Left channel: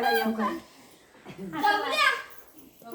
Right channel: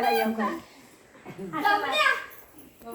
快乐，愉快。怎？